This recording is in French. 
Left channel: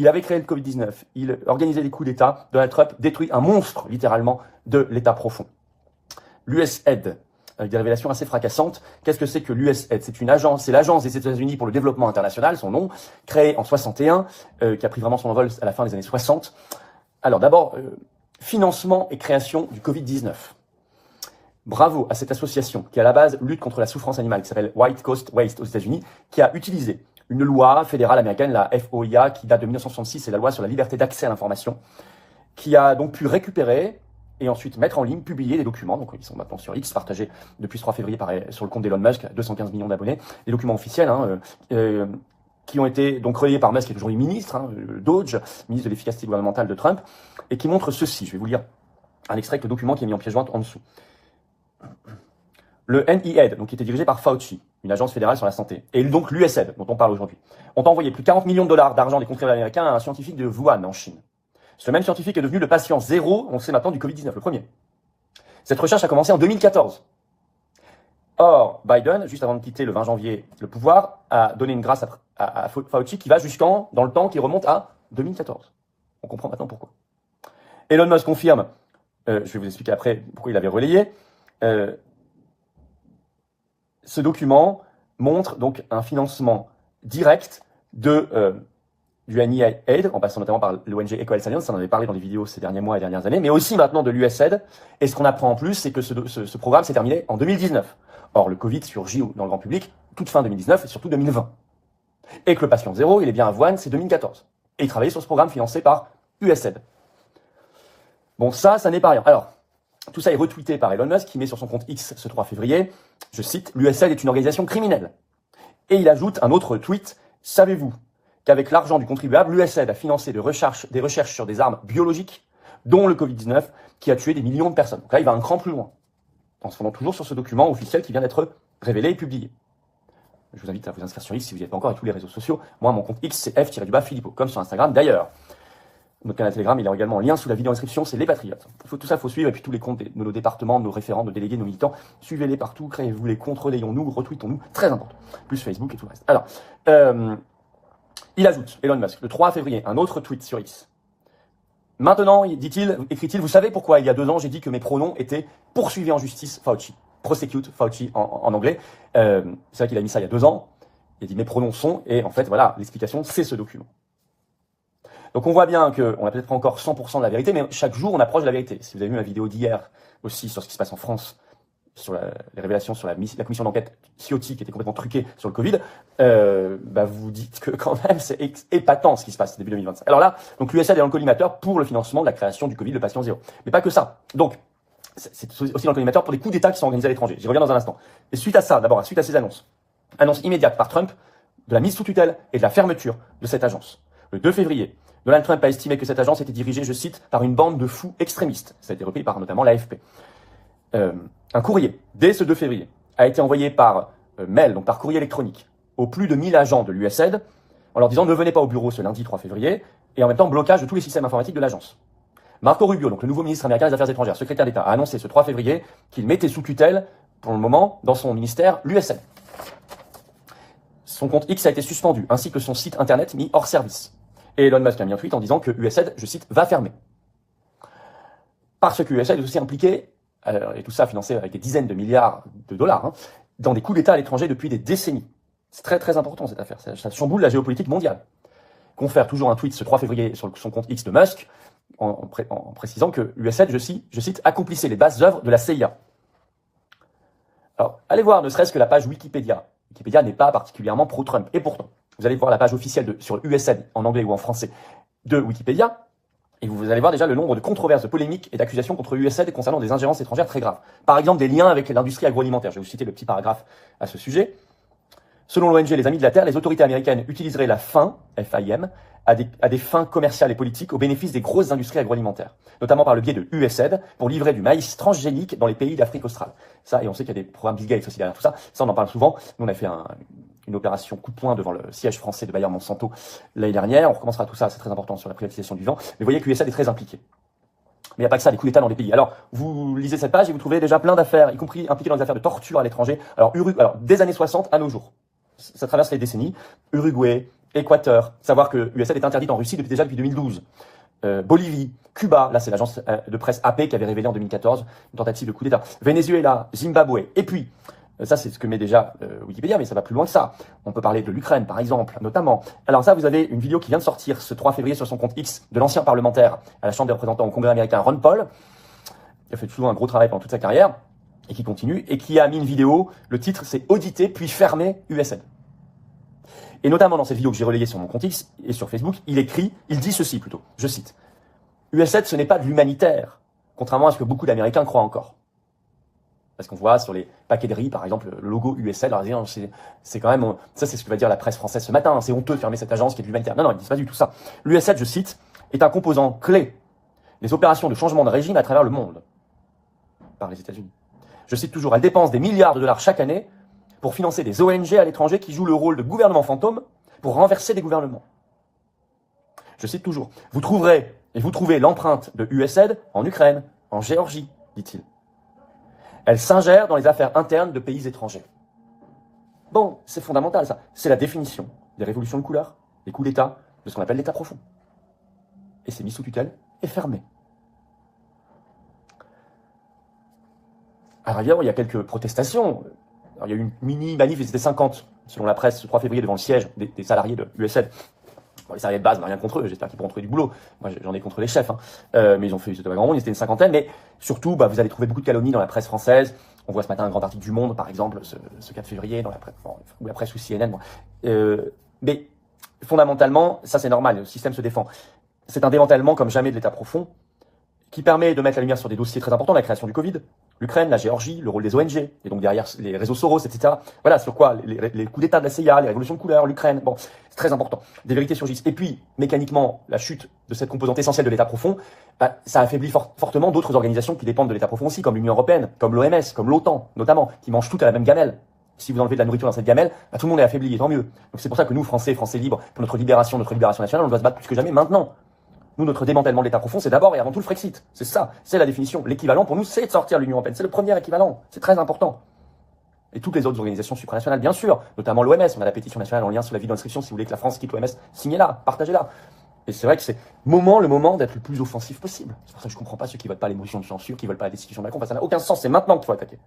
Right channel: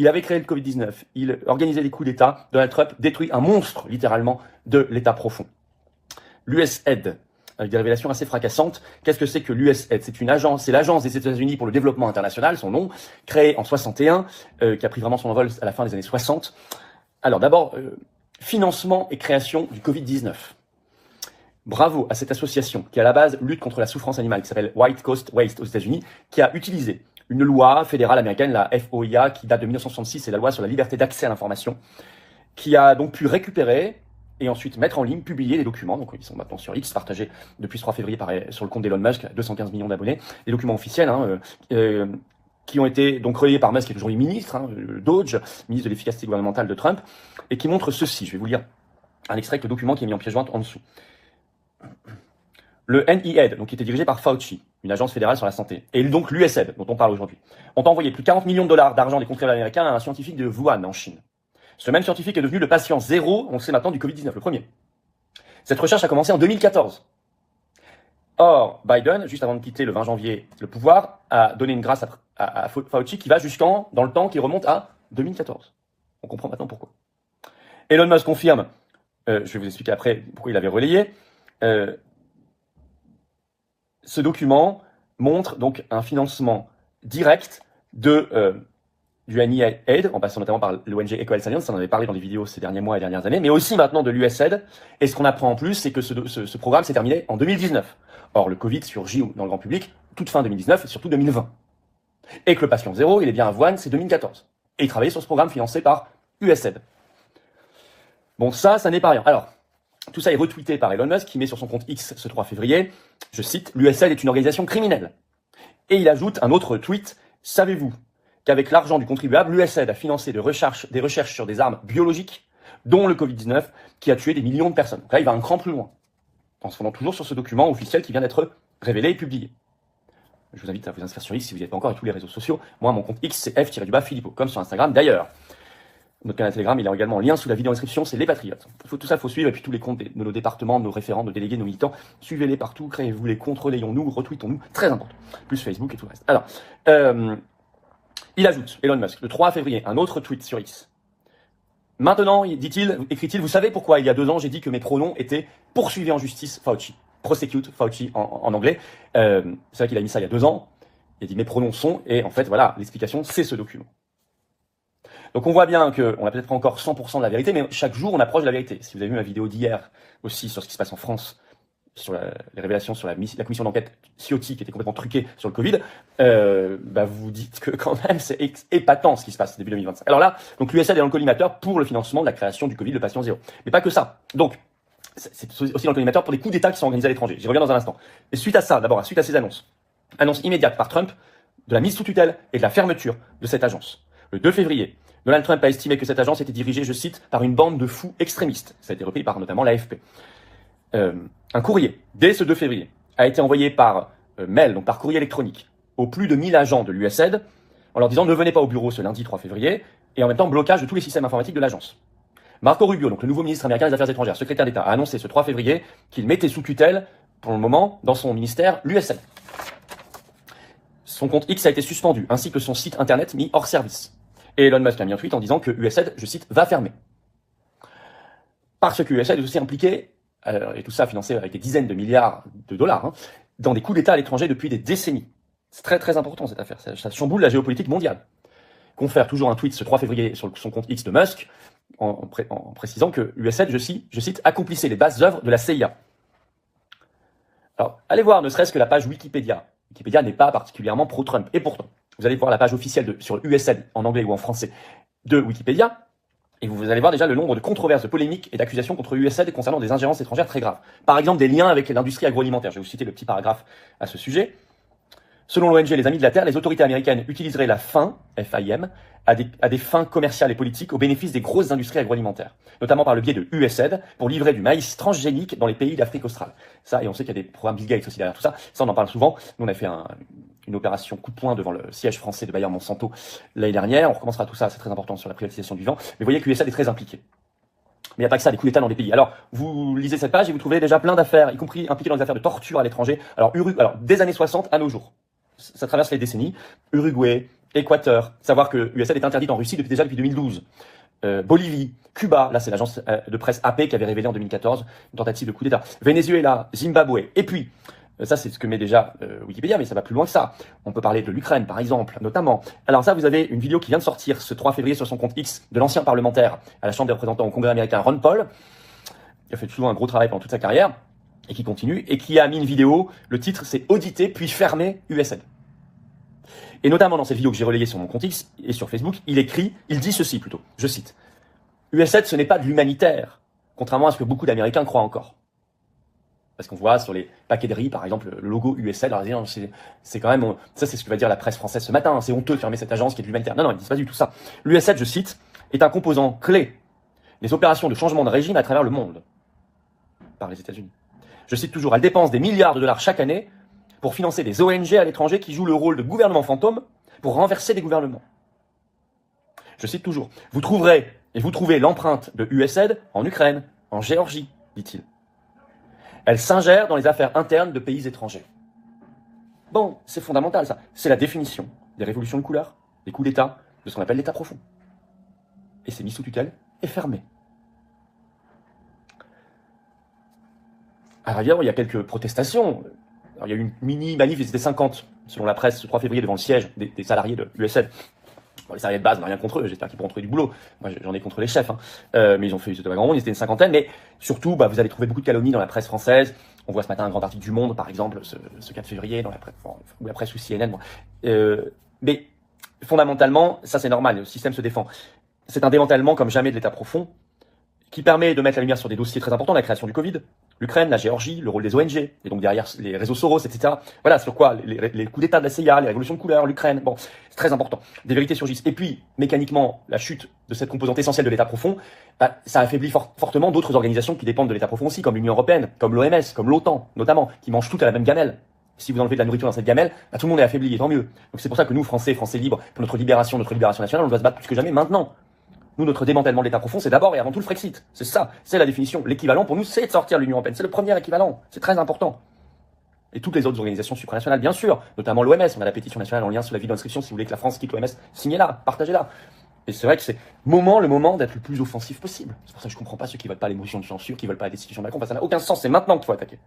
il avait créé le Covid-19, il organisait des coups d'État, Donald Trump détruit un monstre, littéralement, de l'État profond. L'USAID, avec des révélations assez fracassantes. Qu'est-ce que c'est que l'USAID? C'est une agence, c'est l'agence des États-Unis pour le développement international, son nom, créée en 61, qui a pris vraiment son envol à la fin des années 60. Alors d'abord, financement et création du Covid-19. Bravo à cette association qui, à la base, lutte contre la souffrance animale, qui s'appelle White Coast Waste aux États-Unis, qui a utilisé une loi fédérale américaine, la FOIA, qui date de 1966, c'est la loi sur la liberté d'accès à l'information, qui a donc pu récupérer et ensuite mettre en ligne, publier des documents, donc ils sont maintenant sur X, partagés depuis ce 3 février sur le compte d'Elon Musk, 215 millions d'abonnés, des documents officiels, qui ont été donc relayés par Musk, qui est toujours ministre, Doge, ministre de l'efficacité gouvernementale de Trump, et qui montrent ceci. Je vais vous lire un extrait avec le document qui est mis en pièce jointe en dessous. Le NIAID, donc qui était dirigé par Fauci, une agence fédérale sur la santé, et donc l'USAID, dont on parle aujourd'hui, ont envoyé plus de 40 millions de dollars d'argent des contribuables américains à un scientifique de Wuhan, en Chine. Ce même scientifique est devenu le patient zéro, on sait maintenant, du Covid-19, le premier. Cette recherche a commencé en 2014. Or, Biden, juste avant de quitter le 20 janvier le pouvoir, a donné une grâce à Fauci qui va dans le temps, qui remonte à 2014. On comprend maintenant pourquoi. Elon Musk confirme, je vais vous expliquer après pourquoi il avait relayé, ce document montre donc un financement direct du NIAID, en passant notamment par l'ONG Equal Science, on en avait parlé dans des vidéos ces derniers mois et dernières années, mais aussi maintenant de l'USAID. Et ce qu'on apprend en plus, c'est que ce programme s'est terminé en 2019. Or, le Covid surgit dans le grand public toute fin 2019 et surtout 2020. Et que le patient zéro, il est bien à Wuhan, c'est 2014. Et il travaillait sur ce programme financé par USAID. Bon, ça n'est pas rien. Alors, tout ça est retweeté par Elon Musk, qui met sur son compte X ce 3 février, je cite, « L'USAID est une organisation criminelle ». Et il ajoute un autre tweet, « Savez-vous qu'avec l'argent du contribuable, l'USAID a financé des recherches sur des armes biologiques, dont le Covid-19, qui a tué des millions de personnes ». Donc là, il va un cran plus loin, en se fondant toujours sur ce document officiel qui vient d'être révélé et publié. Je vous invite à vous inscrire sur X si vous n'y êtes pas encore, et tous les réseaux sociaux. Moi, mon compte X, c'est F-Philippot, comme sur Instagram d'ailleurs. Notre canal Telegram, il est également en lien sous la vidéo en description, c'est Les Patriotes. Tout ça, il faut suivre, et puis tous les comptes de nos départements, de nos référents, de nos délégués, de nos militants, suivez-les partout, créez-vous les comptes, relayons-nous, retweetons-nous, très important. Plus Facebook et tout le reste. Alors, il ajoute, Elon Musk, le 3 février, un autre tweet sur X. Maintenant, dit-il, écrit-il, vous savez pourquoi il y a 2 ans, j'ai dit que mes pronoms étaient poursuivis en justice, Fauci. Prosecute, Fauci en anglais. C'est vrai qu'il a mis ça il y a 2 ans. Il a dit mes pronoms sont, et en fait, voilà, l'explication, c'est ce document. Donc on voit bien qu'on n'a peut-être pas encore 100% de la vérité, mais chaque jour on approche de la vérité. Si vous avez vu ma vidéo d'hier aussi sur ce qui se passe en France, sur les révélations sur la commission d'enquête Ciotti qui était complètement truquée sur le Covid, vous vous dites que quand même c'est épatant ce qui se passe début 2025. Alors là, donc l'USAID est dans le collimateur pour le financement de la création du Covid, le patient zéro. Mais pas que ça. Donc c'est aussi dans le collimateur pour des coups d'État qui sont organisés à l'étranger. J'y reviens dans un instant. Et suite à ça, d'abord, suite à ces annonce immédiate par Trump de la mise sous tutelle et de la fermeture de cette agence. Le 2 février, Donald Trump a estimé que cette agence était dirigée, je cite, par une bande de fous extrémistes. Ça a été repris par notamment l'AFP. Un courrier, dès ce 2 février, a été envoyé par mail, donc par courrier électronique, aux plus de 1000 agents de l'USAID, en leur disant ne venez pas au bureau ce lundi 3 février, et en même temps blocage de tous les systèmes informatiques de l'agence. Marco Rubio, donc le nouveau ministre américain des Affaires étrangères, secrétaire d'État, a annoncé ce 3 février qu'il mettait sous tutelle, pour le moment, dans son ministère, l'USAID. Son compte X a été suspendu, ainsi que son site internet mis hors service. Et Elon Musk a mis un tweet en disant que USAID, je cite, va fermer. Parce que USAID est aussi impliqué, et tout ça financé avec des dizaines de milliards de dollars, dans des coups d'État à l'étranger depuis des décennies. C'est très très important cette affaire, ça chamboule la géopolitique mondiale. Confère toujours un tweet ce 3 février sur son compte X de Musk, en précisant que USAID, je cite, accomplissait les bases œuvres de la CIA. Alors, allez voir ne serait-ce que la page Wikipédia. Wikipédia n'est pas particulièrement pro-Trump, et pourtant, vous allez voir la page officielle sur USAID, en anglais ou en français, de Wikipédia, et vous allez voir déjà le nombre de controverses, de polémiques et d'accusations contre USAID concernant des ingérences étrangères très graves. Par exemple, des liens avec l'industrie agroalimentaire. Je vais vous citer le petit paragraphe à ce sujet. Selon l'ONG Les Amis de la Terre, les autorités américaines utiliseraient la faim, FIM, à des fins commerciales et politiques au bénéfice des grosses industries agroalimentaires, notamment par le biais de USAID, pour livrer du maïs transgénique dans les pays d'Afrique australe. Ça, et on sait qu'il y a des programmes Bill Gates aussi derrière tout ça. Ça, on en parle souvent. Nous, on a fait une opération coup de poing devant le siège français de Bayer Monsanto l'année dernière. On recommencera tout ça, c'est très important sur la privatisation du vivant. Mais vous voyez que l'USAID est très impliqué. Mais il n'y a pas que ça, des coups d'État dans des pays. Alors, vous lisez cette page et vous trouvez déjà plein d'affaires, y compris impliquées dans des affaires de torture à l'étranger. Alors, des années 60 à nos jours. Ça traverse les décennies. Uruguay, Équateur, savoir que USAID est interdite en Russie déjà depuis 2012. Bolivie, Cuba, là c'est l'agence de presse AP qui avait révélé en 2014 une tentative de coup d'État. Venezuela, Zimbabwe, et puis, ça c'est ce que met déjà Wikipédia, mais ça va plus loin que ça. On peut parler de l'Ukraine par exemple, notamment. Alors ça, vous avez une vidéo qui vient de sortir ce 3 février sur son compte X de l'ancien parlementaire à la Chambre des représentants au Congrès américain, Ron Paul, qui a fait toujours un gros travail pendant toute sa carrière, et qui continue, et qui a mis une vidéo, le titre c'est Auditer puis fermer USAID. Et notamment dans cette vidéo que j'ai relayée sur mon compte X et sur Facebook, il dit ceci plutôt, je cite, « USAID, ce n'est pas de l'humanitaire, contrairement à ce que beaucoup d'Américains croient encore. » Parce qu'on voit sur les paquets de riz, par exemple, le logo USAID, alors c'est quand même, ça c'est ce que va dire la presse française ce matin, c'est honteux de fermer cette agence qui est de l'humanitaire. Non, ils ne disent pas du tout ça. L'USAID, je cite, « est un composant clé des opérations de changement de régime à travers le monde. » Par les États-Unis. Je cite toujours, « elle dépense des milliards de dollars chaque année pour financer des ONG à l'étranger qui jouent le rôle de gouvernement fantôme pour renverser des gouvernements. » Je cite toujours, « vous trouvez l'empreinte de USAID en Ukraine, en Géorgie, dit-il. Elle s'ingère dans les affaires internes de pays étrangers. » Bon, c'est fondamental ça. C'est la définition des révolutions de couleur, des coups d'État, de ce qu'on appelle l'État profond. Et c'est mis sous tutelle et fermé. Alors évidemment, il y a quelques protestations. Alors, il y a eu une mini-manif, ils étaient 50, selon la presse, ce 3 février, devant le siège des salariés de l'USAID. Bon, les salariés de base, on n'a rien contre eux, j'espère qu'ils pourront trouver du boulot. Moi, j'en ai contre les chefs, hein. Mais ils ont fait, c'était pas grand monde, ils étaient une cinquantaine. Mais surtout, vous allez trouver beaucoup de calomnies dans la presse française. On voit ce matin un grand article du Monde, par exemple, ce 4 février, dans la presse, ou la presse ou CNN. Mais fondamentalement, ça c'est normal, le système se défend. C'est un démantèlement comme jamais de l'État profond, qui permet de mettre la lumière sur des dossiers très importants, la création du Covid, l'Ukraine, la Géorgie, le rôle des ONG, et donc derrière les réseaux Soros, etc. Voilà, sur quoi les coups d'État de la CIA, les révolutions de couleur, l'Ukraine, bon, c'est très important. Des vérités surgissent. Et puis, mécaniquement, la chute de cette composante essentielle de l'État profond, ça affaiblit fortement d'autres organisations qui dépendent de l'État profond aussi, comme l'Union Européenne, comme l'OMS, comme l'OTAN, notamment, qui mangent toutes à la même gamelle. Si vous enlevez de la nourriture dans cette gamelle, tout le monde est affaibli, et tant mieux. Donc c'est pour ça que nous, Français libres, pour notre libération nationale, on doit se battre plus que jamais maintenant. Nous, notre démantèlement de l'État profond, c'est d'abord et avant tout le Frexit. C'est ça, c'est la définition. L'équivalent pour nous, c'est de sortir de l'Union Européenne. C'est le premier équivalent. C'est très important. Et toutes les autres organisations supranationales, bien sûr, notamment l'OMS. On a la pétition nationale en lien sur la vie d'inscription. Si vous voulez que la France quitte l'OMS, signez-la, partagez-la. Et c'est vrai que c'est le moment d'être le plus offensif possible. C'est pour ça que je comprends pas ceux qui veulent pas les motions de censure, qui veulent pas la destitution de Macron, parce que ça n'a aucun sens. C'est maintenant qu'il faut attaquer.